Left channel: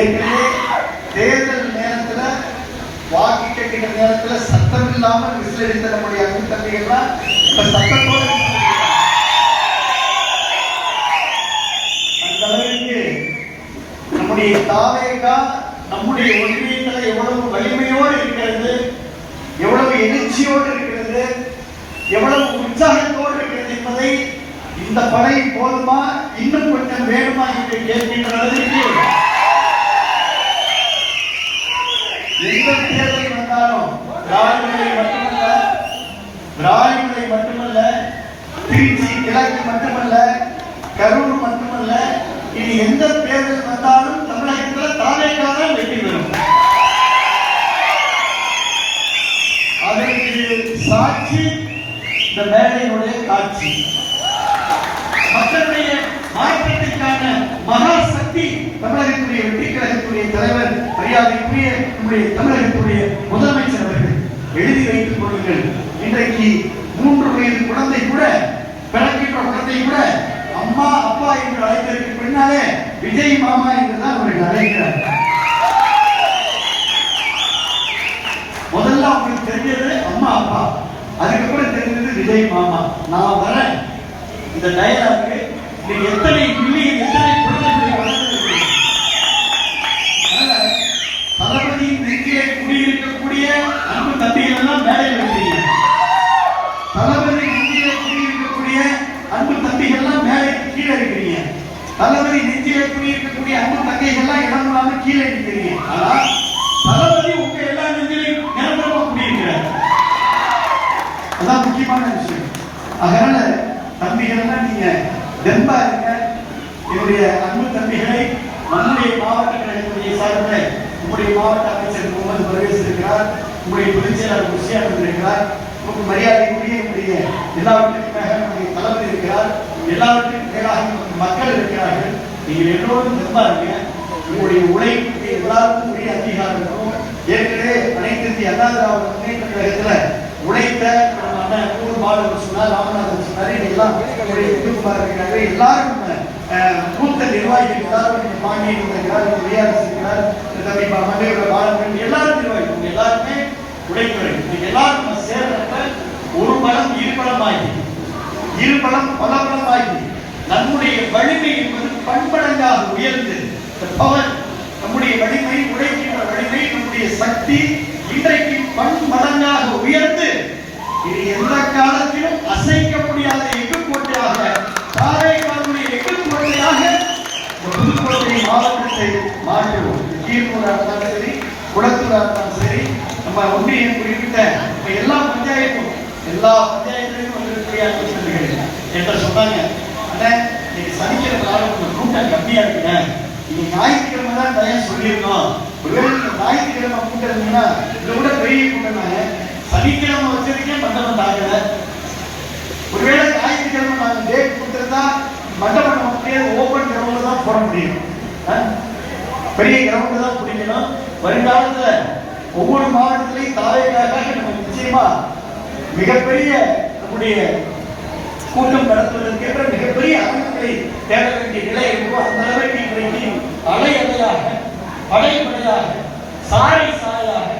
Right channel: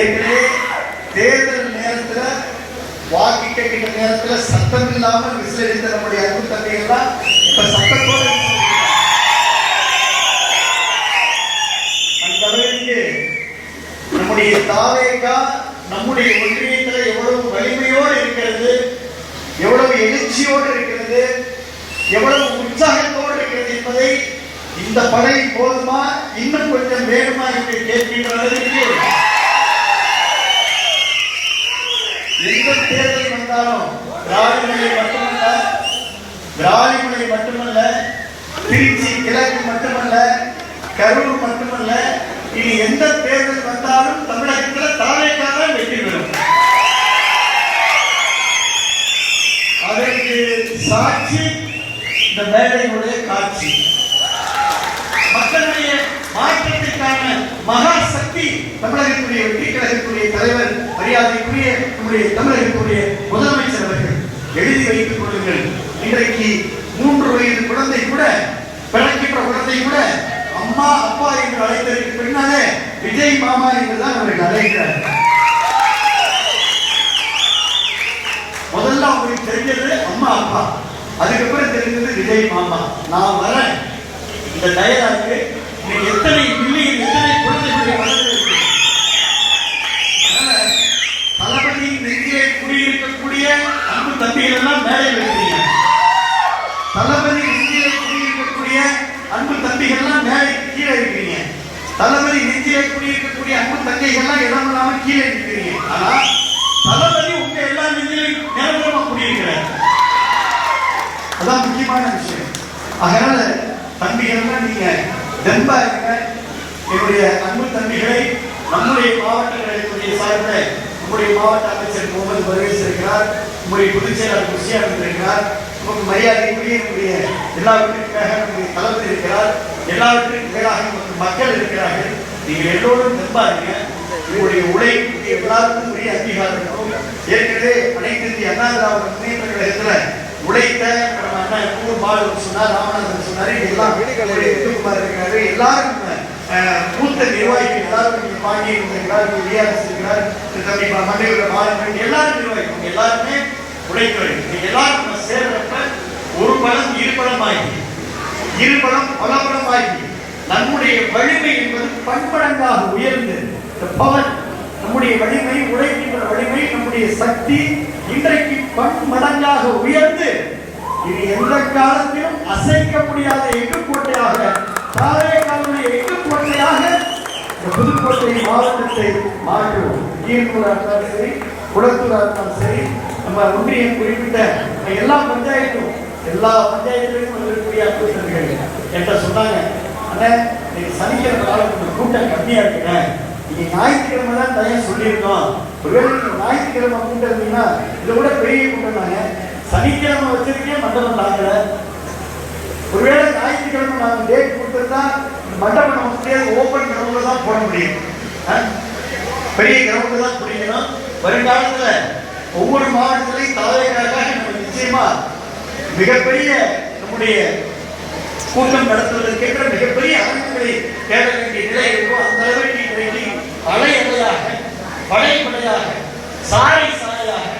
ஏற்கனவே தேர்தல் நேரத்துல வாக்கு கேட்கிற நேரத்துல சத்தம் இல்லாமல் விசிலடித்த நம்முடைய அன்பு தங்கைகள்லாம் இப்ப சத்தத்தோடு அந்த அளவிற்கு நம்முடைய தாவேகா நம்முடைய ஒன்றியத்தில் எவ்வளவு வலிமையோடு இருக்கிறது, எவ்வளவு எழுச்சியோடு இருக்கிறது, எவ்வளவு உற்சாகத்தோடு இருக்கிறது என்பதை இந்த படை போதுமா இன்னும் கொஞ்சம் வேணுமா என்று கேட்கின்ற அளவிற்கு எந்த தேர்தல் வந்தாலும் திராவிடமலை மட்டுமல்ல, திருச்சி கிழக்கு மட்டுமல்ல, கரூர் மட்டுமல்ல, இனி எந்த தேர்தல் வந்தாலும் தமிழகத்தில் தாவேகா தான் வெற்றி பெறும். அதற்கு சாட்சி இந்த மேடையினுடைய காட்சி. மக்களுடைய மாற்றத்திற்கான மகா சக்தி தமிழகத்துடைய வெற்றி கழகத்துடைய தலைவர் மரியாதைக்குரிய நம்முடைய தமிழகத்துடைய முதலமைச்சர் அவர்கள். எழுதி வைத்துக் கொள்ளுங்கள். இன்றைக்கு 3 வயது குழந்தை கூட, பிறக்கின்ற குழந்தை கூட அம்மா அப்பா என்று அழைத்ததற்கு பின்னாலே விஜய் மாமா என்றுதான் அவர்கள் அழைக்கிறார். முதல்ல அவங்களுக்கு தெரிஞ்சது அம்மா அப்பா, அதுக்கப்புறம் தெரிஞ்சது விஜய் மாமா. நான் வரேன் இந்த டயலாக்கு நீங்க எத்தனை மில்லியன் எத்தனை குழந்தைகளுடைய தளபதியின் நெஞ்சிலே குடியிருக்கக்கூடிய அன்பு தம்பிகள் எல்லாம் மேடையில் வைக்கிறீங்க. தளபதி நெஞ்சிலே குடியிருக்கக்கூடிய அன்பு தம்பிகள் எல்லாம் மேடைக்கு கீழே இருக்கிறீங்க. தளபதி நெஞ்சிலே குடியிருக்கக்கூடிய அன்பு தங்கைகள் எல்லாம் இடம் இல்லாம கீழே இருக்கிறீங்க. ஆனா தளபதி உங்க எல்லா நெஞ்சிலையும் நிரந்தரமா குடியிருக்கிறார். அதான் முக்கியமான விஷயம். அதனால தம்பிகள் நீங்க தெம்பா இருக்க. என்னுடைய அன்பு தம்பிகளை நம்முடைய மாவட்டங்களுடைய சார்பில் நம்முடைய மாவட்ட அமைச்சர் முகமது பர்வேஸ் இருக்கிறார், நம்முடைய பொதுச் செயலாளர் முஸ்லிம் இருக்கிறார், உங்களுக்கு மரியாதைக்குரிய நம்முடைய எல்லாவற்றிற்காக நம்முடைய தளபதி இருக்கிறார், எல்லாவற்றிற்காக மக்கள் இருக்கிறார்கள். நீங்கள் எல்லோரும் தெம்பா இருக்க. உங்களுடைய உழைப்புக்கு எல்லாருக்கும் உரிய அங்கீகாரம் இருக்கும். ஏற்கனவே அனைத்து இந்திய அண்ணா திராவிட முன்னேற்ற கழகத்தில் உழைத்த சொன்னார், ராமநாதன் சொன்னாரு, எல்லாம் எல்லாரும் மூத்த நிர்வாகிகள் எல்லாரும் வாங்கி எல்லாரும் நிர்வாகிகள் எல்லாருமே உழைப்பவர்கள். எல்லாரும் சேர்றப்ப ஒரு பலம் இருபலமாகி, இருபலம் பல பலமாகி நம்முடைய வலிமை என்பது பன்மடங்காக உயர்ந்து பவர், நம்முடைய வலிமை, உழைக்கின்ற வலிமை, நம்முடைய சக்தி இன்றைக்கு பன்மடங்காக உயர்ந்து இது எந்த காலத்திலும் அசைக்க முடியாத எஃகுக்கோட்டையாக, தாவேகாவுடைய எஃகுக்கோட்டையாக புதுக்கோட்டை மாவட்டத்தை மாற்றுவோம். ஈர்ப்பூராக சரி, குளத்தூராக சரி, நம்ம ஒன்றியம் குறிப்பிட்ட எல்லா பஞ்சாயத்தும் இருக்கக்கூடிய என்ற சொன்னாங்க. இன்னைக்கு சனிக்கிழமை கூட்டம் கம்மியா இருக்குங்க, நீங்க ஞாயிற்றுக்கிழமை தான் தயார் சொல்லியிருக்கோம். ஒருவேளை ஞாயிற்றுக்கிழமை கூட்டம் இருந்தீங்கன்னா இதை விட பெரிய கூட்டம் சனிக்கிழமை வச்சிருக்கே மண்டபம் ஆகல. ஒருவேளை ஞாயிற்றுக்கிழமை நாங்கள் டேட் கொடுத்துருந்தா மண்டபம் நமக்கு ஓபன் கிரவுண்ட்ல தான் போட முடியும். பெரிய கிரவுண்ட் தான் பிடிக்கணும். வருங்காலத்துல ஒவ்வொரு மாவட்டத்திலையும் தாவேகாக நம்ம நிச்சயமா மிகப்பெரிய நம்முடைய கூட்டம் நடத்துவதற்கேற்ற மிகப்பெரிய அரங்குகளை தேட வேண்டிய நிலை இருக்கும். அந்த அளவுக்கு இன்றைக்கு அலை அலையாக, படைப்படையாக, சாலை சாலையாக,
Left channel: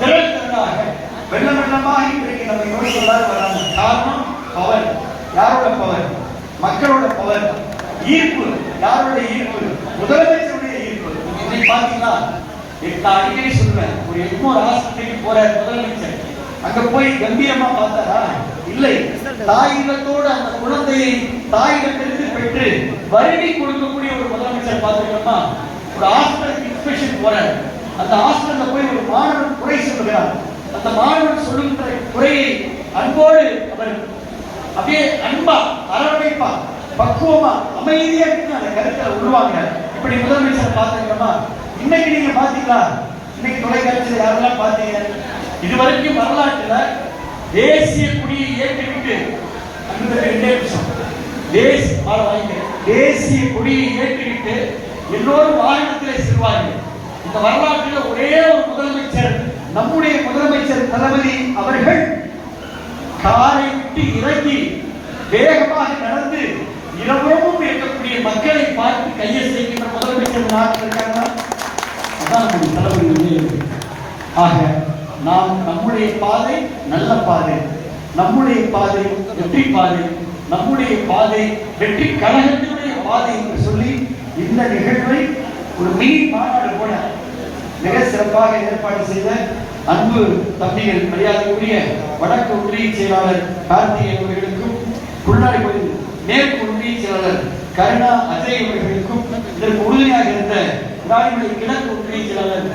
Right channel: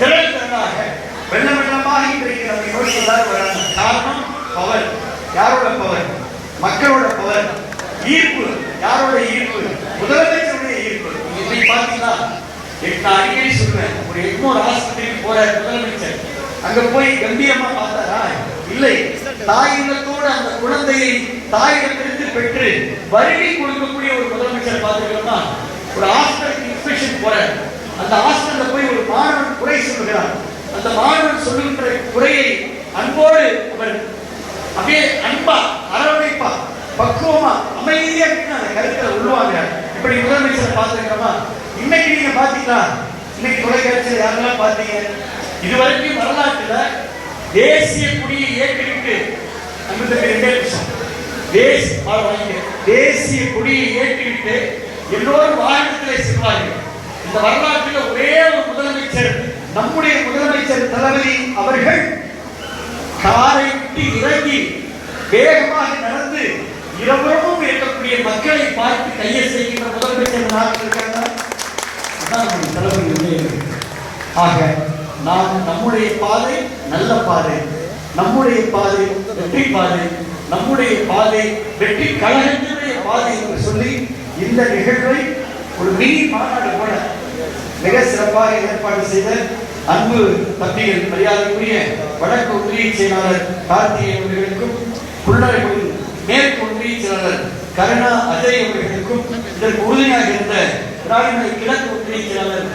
திரள் திரளாக, வெள்ள வெள்ளமாக இன்றைக்கு நம்ம யோசிக்கிறார். காரணம் பவர். யாரோட பவர்? மக்களோட பவர். ஈர்ப்பு. யாரோட ஈர்ப்பு? முதலமைச்சருடைய ஈர்ப்பு. இன்னைக்கு பாத்தீங்கன்னா நான் அடிக்கடி சொல்றேன், ஒரு எக்மோர் ஆஸ்பத்திரிக்கு போற முதலமைச்சர் அங்க போய் கம்பீரமா பார்த்தாரா? இல்லை. தாயினத்தோடு அந்த குழந்தையை தாயிடத்திலிருந்து பெற்று வருகை கொடுக்கக்கூடிய ஒரு முதலமைச்சர் பார்த்துக்கணுமா? ஒரு ஹாஸ்பிட்டல் இன்ஸ்பெக்ஷன் போற அந்த ஹாஸ்பிட்டல்ல போய் ஒரு மாணவன் குறை சொல்கிறார். அந்த மாணவன் சொல்லுகின்ற குறையை அன்போடு அவர் அப்படியே அன்பா, அரவணைப்பா, பக்குவமா, அமைதியா அந்த கருத்தை உருவாங்க. இப்படி முதலமைச்சர் பார்த்துக்கணுமா? இன்னைக்கு நீங்க பாத்தீங்களா? இன்னைக்கு தொலைக்காட்சியில் யாரெல்லாம் பாத்தீங்க? இதுவரைக்கும் வரலாற்றுல தேசிய கொடியை ஏற்றிவிட்டு தேசிய கொடியை ஏற்றிவிட்டு எல்லோரும் வாகனத்திலே செல்வார்கள். இந்த வரலாற்றில் ஒரே ஒரு முதலமைச்சர், நம்முடைய முதலமைச்சர் தளபதி அவர்கள் காரை விட்டு இறங்கி வேகமாக நடந்து இரவும் இருக்கக்கூடிய மக்களை பார்த்து கையை செய்கின்ற முதலமைச்சர் நாட்டில் இருக்காங்க. அண்ணாமலை தலைமையிலே இருக்கு. ஆக நாம் நம்முடைய பாதை நல்ல பாதை, நம்முடைய பாதை வெற்றி பாதை, நம்முடைய பாதை வெற்றி கழகத்தினுடைய பாதை என்று சொல்லி இந்த நிகழ்வை ஒரு மினி மாநாடு போல மிக சிறப்பாக ஏற்பாடு செய்த அன்பு தம்பிகள் மரியாதைக்குரிய வடக்கு ஒன்றிய செயலாளர் கார்த்திகேயன் அவர்களுக்கும், புள்ளாய்களின் மேற்கு ஒன்றிய செயலாளர் கருணா அஜய் அவர்களுக்கும், இதற்கு உறுதியாக இருந்த கிழக்கு ஒன்றிய செயலாளர்